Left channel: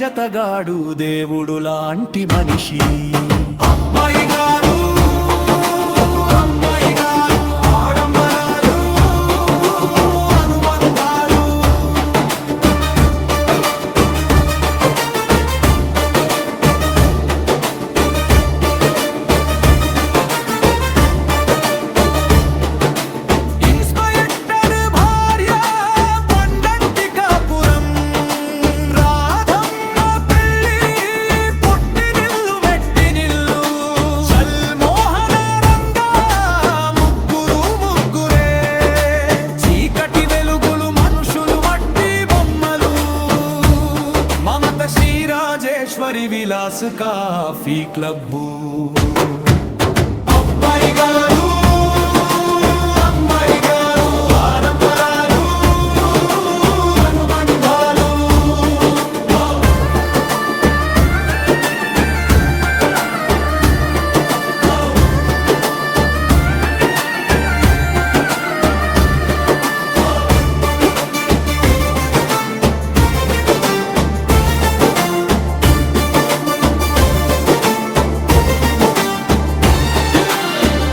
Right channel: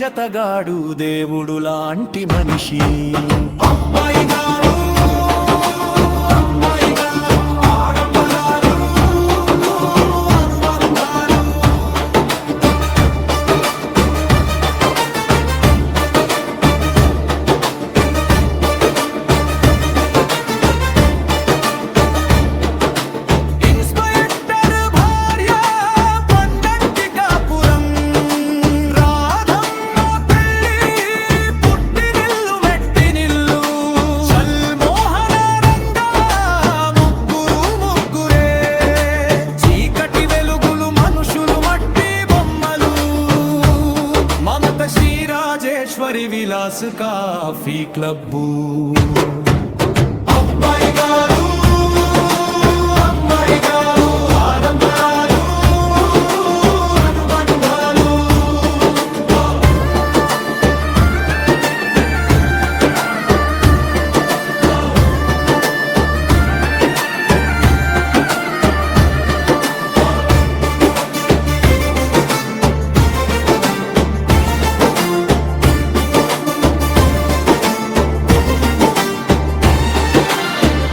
జతగాడు దేవుడు లాంటి మనిషి. అబ్బాయి గారు అమ్మాయి గారు ఆడంబరాలు అనుబంధాలు. ఇన్స్పెక్టర్ భార్య పండంటి కాపురం, రాధమ్మ పెళ్ళి పుట్టినిల్లు మెట్టినిల్లు, సల్మోహన రంగా ముగ్గురు ముగ్గురే, చీకటి వెలుగులు మనుషులు మట్టి బొమ్మలు, మమత శ్రీరాజేశ్వరి విలాస్ కాఫీ క్లబ్బు. అబ్బాయి గారు అమ్మాయి గారు ఆడంబరాలు అనుబంధాలు.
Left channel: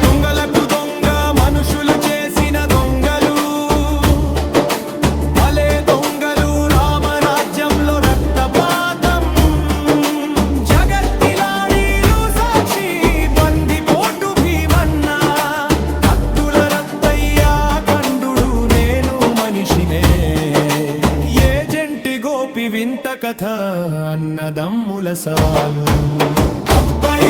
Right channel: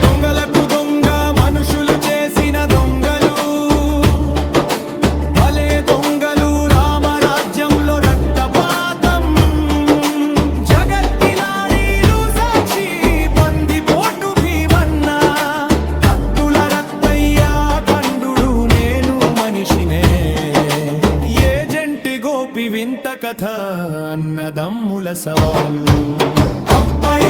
దొంగలకు దొంగ మనుషులు చేసిన దొంగలు, భలే దొంగలు రామరాజ్యంలో రక్తపాతం, జగత్తిలాడీలు సాక్షి బందిపోటు భీమన్న, కత్తుల రత్తయ్య ఖండుడు నేను మనిషినే, ఏజెంటి గోపి వింత కథ అన్నదమ్ముల సవాలు. అబ్బాయి